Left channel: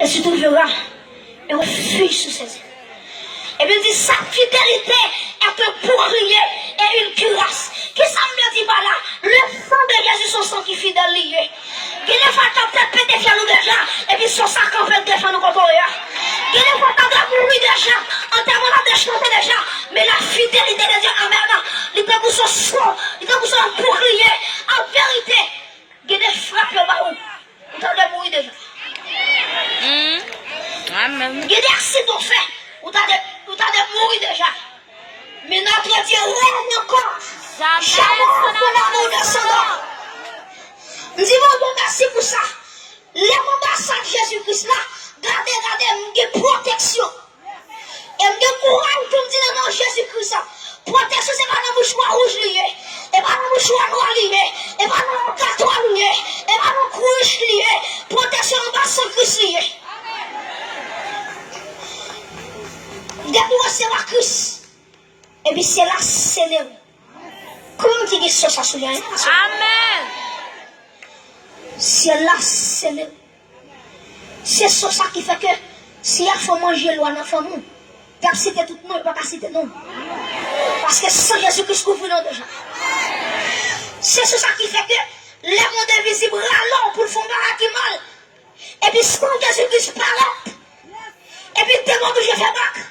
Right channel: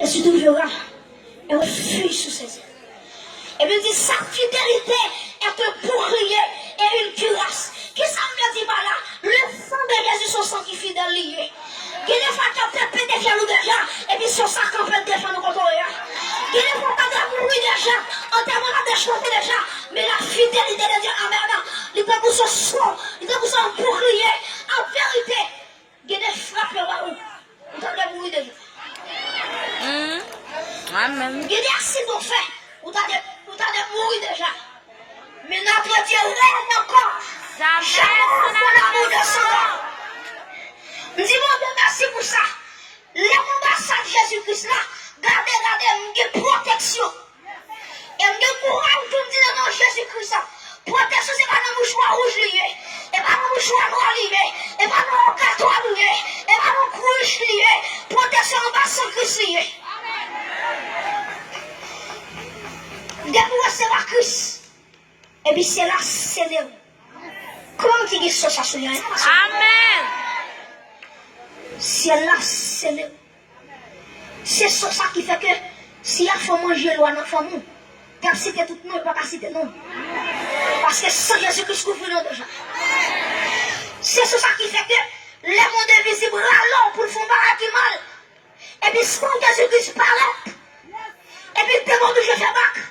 Et si tu verras, et on fuit sous ses ailes. Et bien dit, sa fidélité est un bouclier et une cuirasse. Qu'est-ce que ça me dit par là? Le sang de Jésus, son sang qui est fidèle lié. Qu'il est fait de péter fier nous déjà, et puis son sang qu'on peut défendre nous contre eux. Qu'il est fait de mourir déjà, en termes de chanter déjà, mais la fidélité de Dieu, amen, il était pour son sang, il était pour son bouclier, en vérité, qu'il est frappé par où? Il était de mourir déjà. Amen. Il est accident fait. Ou t'as de mourir déjà. Mais notre Dieu règne encore. Jamais on l'amour de son nom. Nous disons bon merci pour ça. L'ambassade de Jésus-Christ là, regardez, il y a protection. Et il y a courage pour me dire non Jésus-Christ. Protection, c'est pas un mouchoir rouge lié. Et pas un mouchoir noir lié. Et pas un carton lié. Et pas un couche lié. Protection l'ambassade Christ lié. Depuis recevoir Christ, et puis c'est là, c'est là. Comment tu dis ça, sur lui? Amen. C'est là, c'est là. C'est ça qui fait que si il faut manger loin, nous faut nous. Tu as cité tout le monde, pas citer non. Parce que sans Jésus-Christ, couvre nous déjà. C'est ça qui fait que les mondes invisibles râlent pour faire un qui mal. Et puis quand Jésus-Christ parle, et puis démon de je fais bac.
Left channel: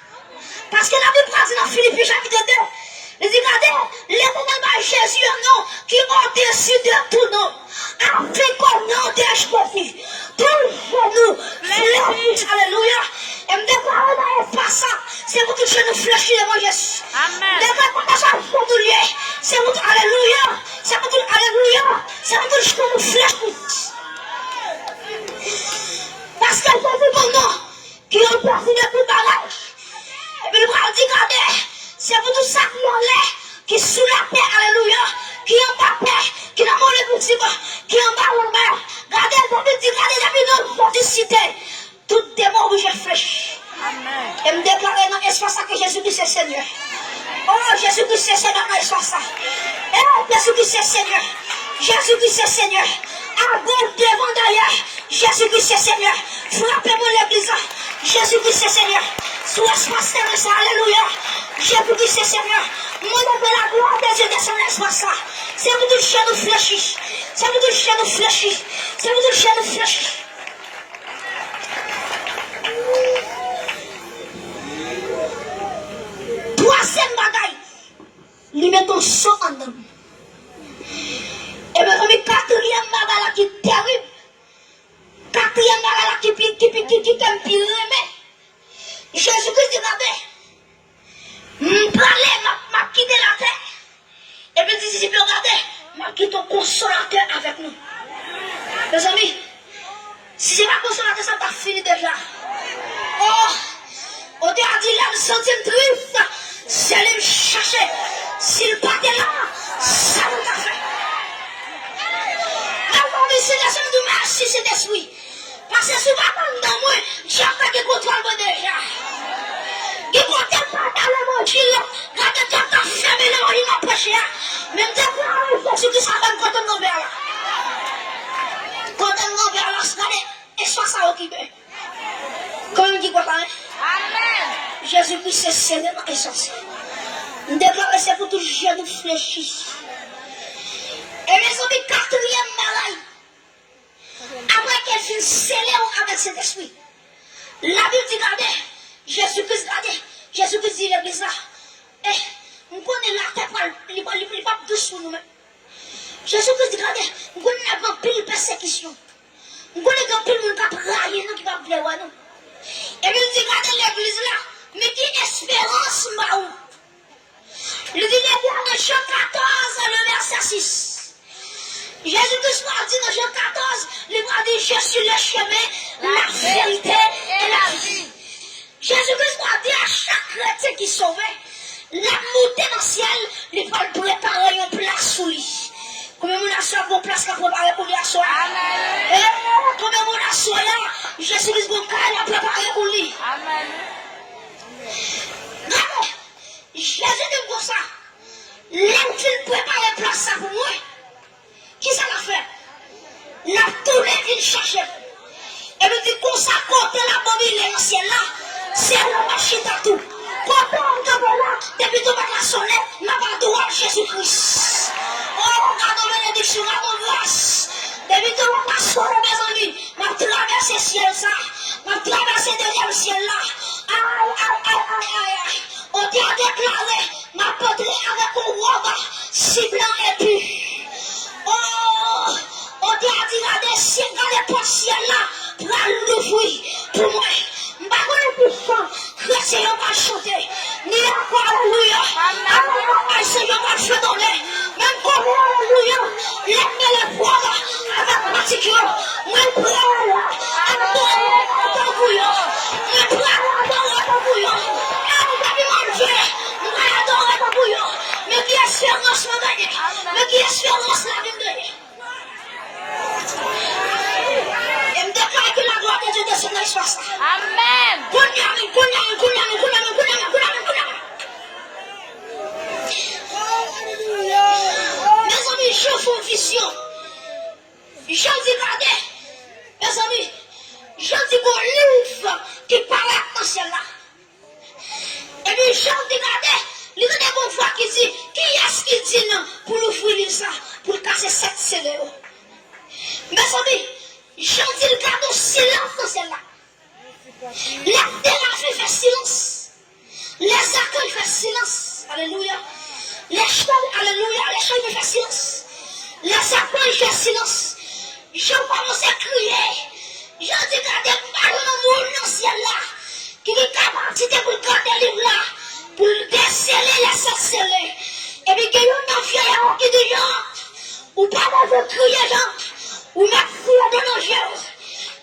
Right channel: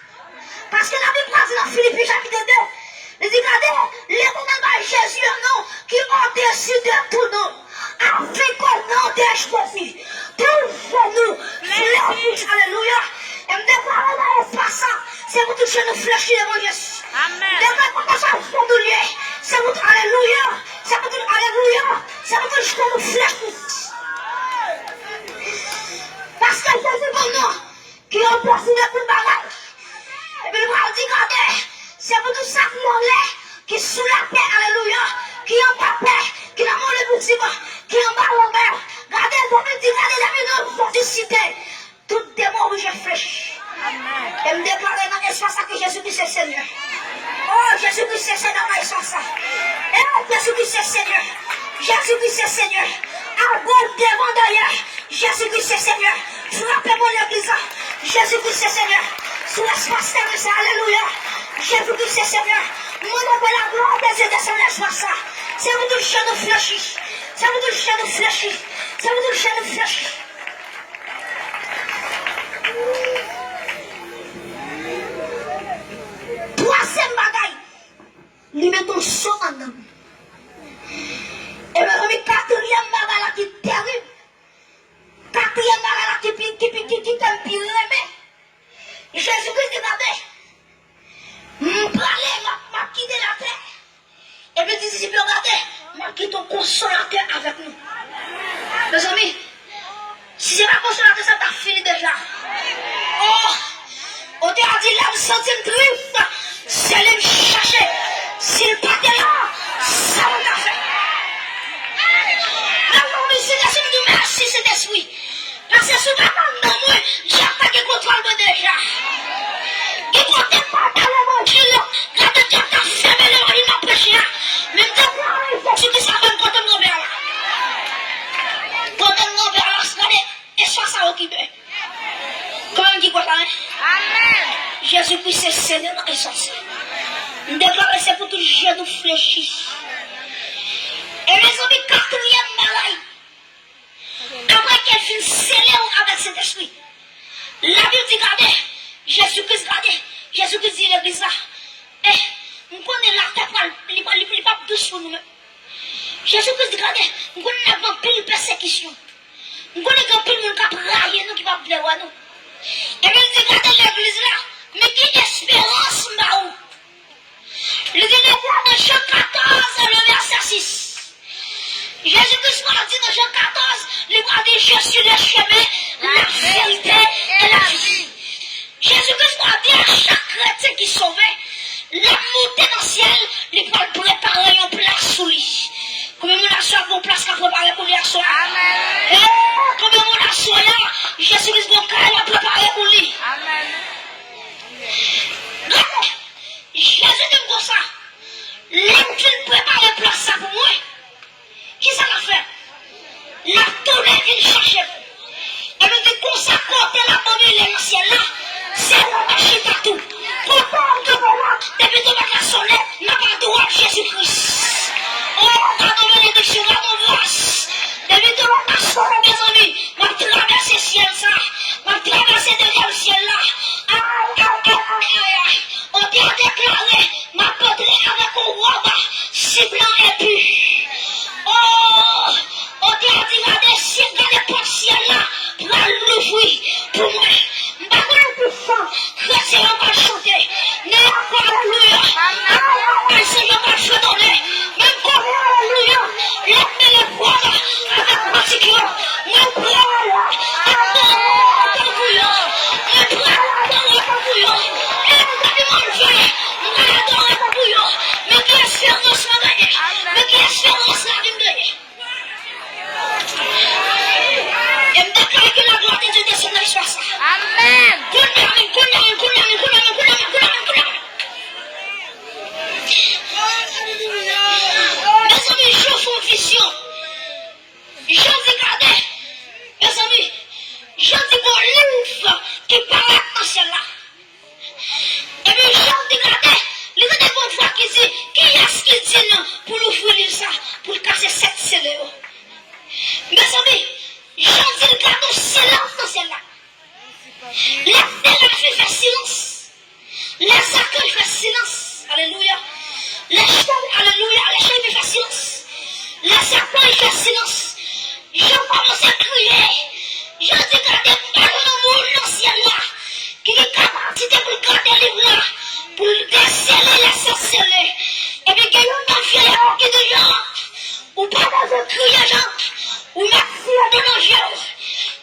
Parce que la Bible dit dans Philippiens chapitre 2, il dit, regardez, les moments de Jésus, non, qui ont décidé tout nom, avec un nom de Jésus, toujours nous, fléchis, alléluia, et me déclarer dans l'espace ça, c'est vous toucher nous fléchis devant Jésus. Amen. Déclarer ça, c'est vous, alléluia, c'est vous toucher, alléluia, c'est vous toucher nous fléchis. Parce que Jésus, pour nous, qui ont décidé tout bagage, et puis le bras dit, regardez, c'est pour tout ça qui est sous la paix, alléluia, qui est en bas paix, qui est dans mon épouse, qui est en bas au mer. Regardez, David dit, regardez, nous, pour citer, tout démon où je flèche. Amen. Et me déclarer dans l'espace que Jésus-Christ est Seigneur. Oh, Jésus-Christ est Seigneur dans l'espace. Oh, Jésus-Christ est Seigneur. Jésus-Christ est Seigneur. À gauche, devant, derrière, Jésus-Christ est Seigneur. Frappez-moi l'église. Jésus-Christ est Seigneur. Sous l'espace de ça, alléluia. Jésus-Christ est Seigneur. Mon appel la gloire des yeux de son espace. C'est vous tout le chien nous fléchis. C'est vous tout le chien nous fléchis. C'est vous tout le chien nous fléchis. Troisième bagaille. Lui met ton sang en homme. Et me remet quatrième bagaille qui est terrible. Quatrième bagaille qui t'aime pire remet. Jésus-Christ dit, regardez, m'a quitté la terre. Et puis dit, si regardez, m'a quitté ton consolateur avec nous. Mes amis, si c'est pas consolateur, ça t'a fini déjà. Oh, on t'a dit l'âme sentie triste, c'est aller me chercher. S'il partait là, ça m'a fait. Alors, ici, je me dis merci, c'est esprit. Parce que si je ne dans moi, j'ai pas de contrôle déjà. Il faut tellement pas le manger. Regardez, quand tu as fermé le mari, il m'a prêché. Même temps, il faut que tu sois quand on est vers là. Quand on est vers là, c'est et soit ça qui veut. Comment on dit quoi, hein? Amen. Jésus-Christ, c'est Seigneur dans l'essence. Nous déclarons, c'est pour tout jeune fléchi. Et mes amis, quatrième malade. Après qu'elle finit scellée avec cet esprit, la Bible dit, regardez, Jésus-Christ, regardez, Jésus-Christ dit l'église là, nous connaissons la table, il n'est pas douce pour nous-mêmes. Jésus-Christ dit, regardez, nous connaissons un pile persécution. Nous connaissons un pile monde qui a braillé nous, qui va plaire à nous. Et nous dit, regardez l'église là, mais qui espérance m'a où? Il dit, dans Jean 14, le verset 6. Jésus-Christ m'a dit dans Jean 14, il m'a dit, je suis le chemin, la vérité et la vie. Jésus-Christ m'a dit à chaque chrétien qui sauvait, la montée dans le ciel, il va préparer une place sous lui. Combien de gens ont une place qu'à préparer pour lui à soi? Amen. Combien de gens sont là, Jésus-Christ va préparer pour lui. Amen. Jésus dit comme ça, l'homme qui prépare une place pour moi, qui ça l'a fait? La tournée qu'il cherchait. Et nous dit qu'on s'accorde brûler dans le ciel là, c'est un marché à tout. Quand on te voit, depuis ton bac à sonner, n'a pas droit Jésus-Christ. Oh, pardon, bénédiction, pardon, voice. Depuis ton bac à sonner, mes amis, m'a traversé le ciel ça, m'a traversé derrière le ciel là. On t'a déclaré, m'a pétré avec un robe, si blanc et pur. Oh, on t'a dit, regardez, si regardez pour le ciel là, pour l'ouvrir, pour moi. M'pas plus fort, c'est on va chanter. Mais alléluia. Amen. C'est on va chanter. Même pour alléluia. Lève les poids avec particulier. Même pour alléluia. Même pour alléluia. Mais qui espérance m'a gagné? Mais qui espérance la vie me gagné? Et me déclare que la gloire de Dieu descend dans l'espace. Amen. Mes amis, je fais une vision. Je dis, regardez, mes amis, je dis mon livre qui parle dans celle-là. Et puis, je dis, regardez, il y a des bonnes fois qui dit, qui est-ce qui dit non pour l'ouvrir ça, pour casser cette scellée. Mes amis, je dis, regardez, silence dans celle-là. Les séraphins font silence. Les accueils font silence. Alléluia. Les chants, alléluia, les chants font silence. Les accueils font silence. Je commence à crier. Je dis, regardez, parle au monde dans le ciel là, qui est capacité pour garder les voix, pour déceler les sorceleurs. Et puis, qu'il y a une mafia qui dit, ou pas dans un crier, ou mafia de nos gens.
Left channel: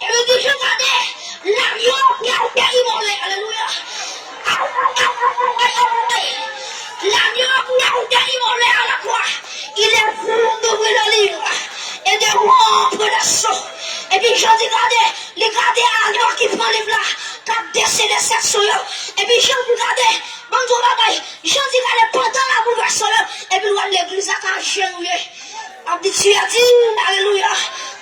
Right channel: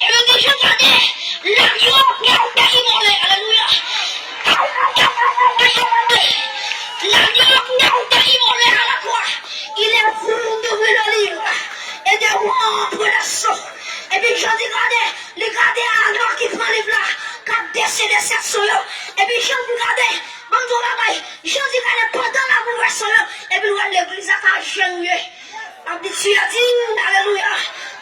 Et puis, je regardais, l'agneau qui a été immolé. Alléluia. L'agneau qui a été immolé à la croix, il est venu d'ouvrir le livre et de rompre l'assaut. Et puis j'en dis, regardez l'agneau qui prend le livre là, qui a décelé cette souille. Et puis j'en dis, regardez, bonjour bagaille, j'en dis, regardez, pendant la bouleversation, et puis l'église a genouillé. On dit, tu as dit, alléluia,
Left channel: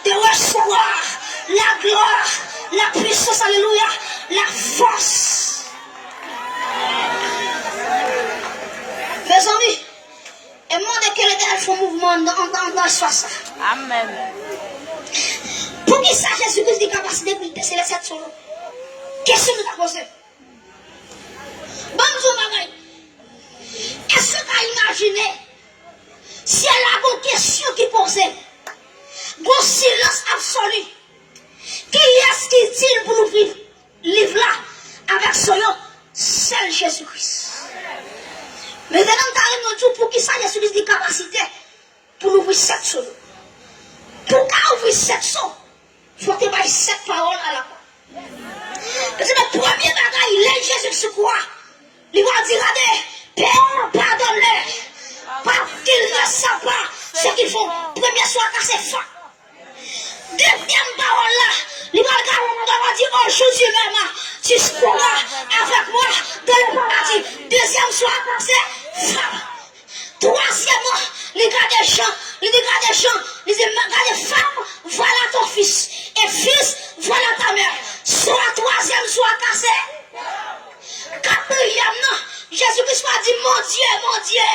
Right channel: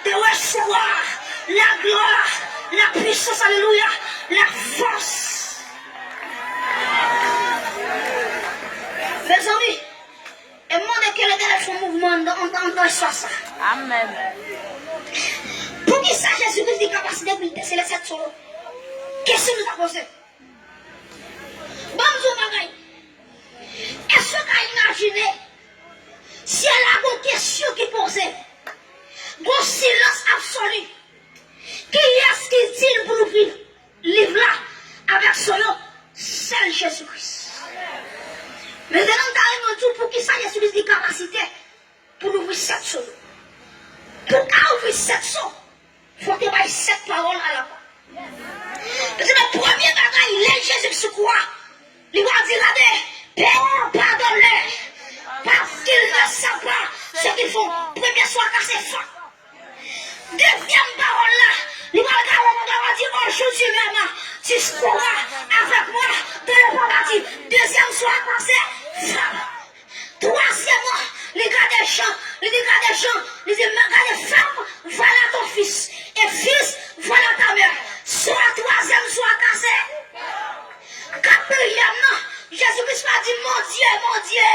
de recevoir la gloire, la puissance, alléluia, la force. Mes amis, et moi, que les gars font mouvement dans l'espace. Amen. Pour qui ça, Jésus-Christ dit capacité pour déceler cette chose? Question nous va poser. Bonjour, bagaille. Est-ce que tu as imaginé si elle a une question qui posait, un silence absolu? Qui est-ce qui dit pour ouvrir le livre là avec son nom? C'est Jésus-Christ. Mais maintenant, tu as dit pour qui ça, Jésus-Christ dit capacité pour ouvrir cette chose. Pour ouvrir cette chose, il faut que tu aies cette parole à la fois. Parce que le premier bagage, il est Jésus qui croit. Il va dire, regardez, Père, pardonne-les. Parce qu'ils ne savent pas ce qu'ils font. Premier soir, quand c'est fort. Deuxième parole là, il va dire, aujourd'hui même, tu seras avec moi dans le paradis. Deuxième soir, quand c'est fort. Troisièmement, les gars des champs, les gars des femmes, voilà ton fils. Et fils, voilà ta mère. Soit troisième, soit cassé. Quatrièmement, Jésus-Christ a dit, mon Dieu,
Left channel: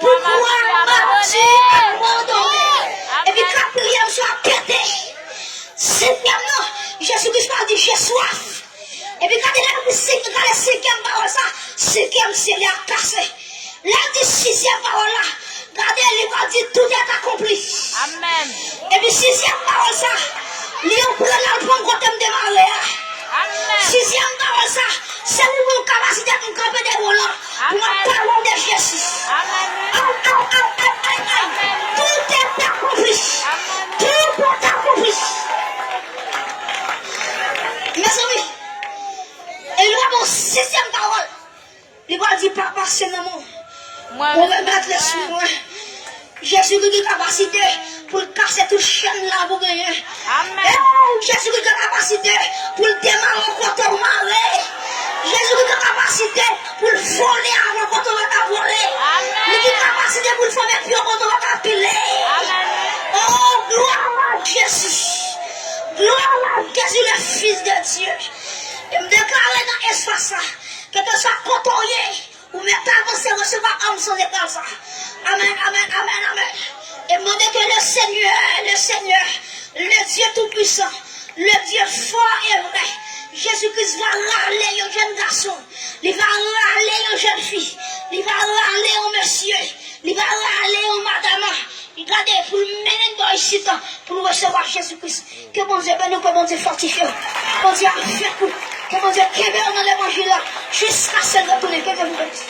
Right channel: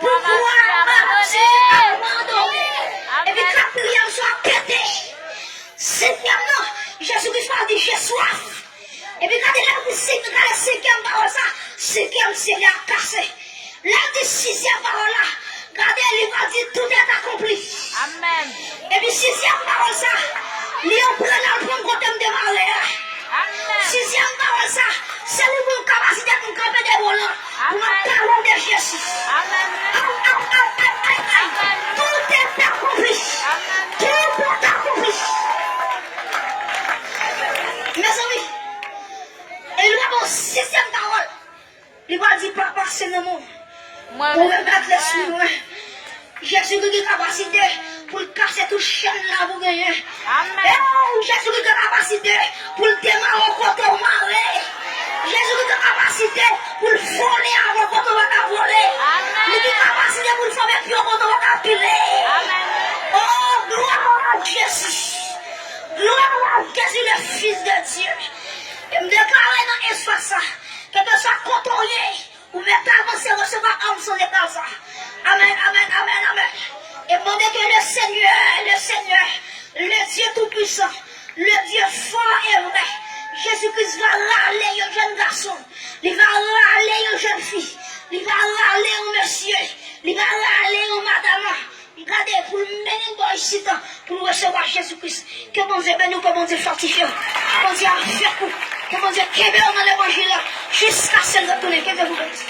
pourquoi m'as-tu abandonné? Et puis quatrième, soit pété. Cinquièmement, Jésus-Christ a dit, j'ai soif. Et puis quand il a la cinquième parole, ça, cinquième, c'est la cassé. Là, dit sixième parole là, regardez, il va dire tout est accompli. Amen. Et puis sixième parole ça, il prend l'album qu'on t'aime démarrer. Amen. Sixième parole ça, c'est une capacité pour camper des volants. Pour parler de Jésus. Amen. Tout est accompli. Tout est accompli. Mes amis, il va dans sixième parole. Il va dire, papa, c'est le moment. On va mettre les sous moi. Jésus qui a capacité pour casser toute chaîne là pour gagner. Amen. Jésus qui a capacité pour démarrer quand on marre. Jésus qui a capacité pour voler avant quand on va voler. Amen. Il a capacité pour faire pion quand on va piler. Amen. Oh, gloire à Jésus. Gloire à Jésus, le Fils de Dieu. recevoir ça. Quel que soit côtoyer, ou même pas avancer, recevoir âme sans écart ça. Amen, amen, amen, amen. Et demandez que le Seigneur, le Dieu Tout-Puissant, le Dieu fort et vrai, Jésus-Christ va râler aux jeunes garçons, il va râler aux jeunes filles, il va râler aux messieurs, il va râler aux madames. Regardez, pour mener dans ici, pour recevoir Jésus-Christ. Que bon Dieu bénisse, que bon Dieu fortifie. Que bon Dieu fait pour, que bon Dieu québé dans l'évangile jusqu'à ce retourner. Que Dieu vous bénisse.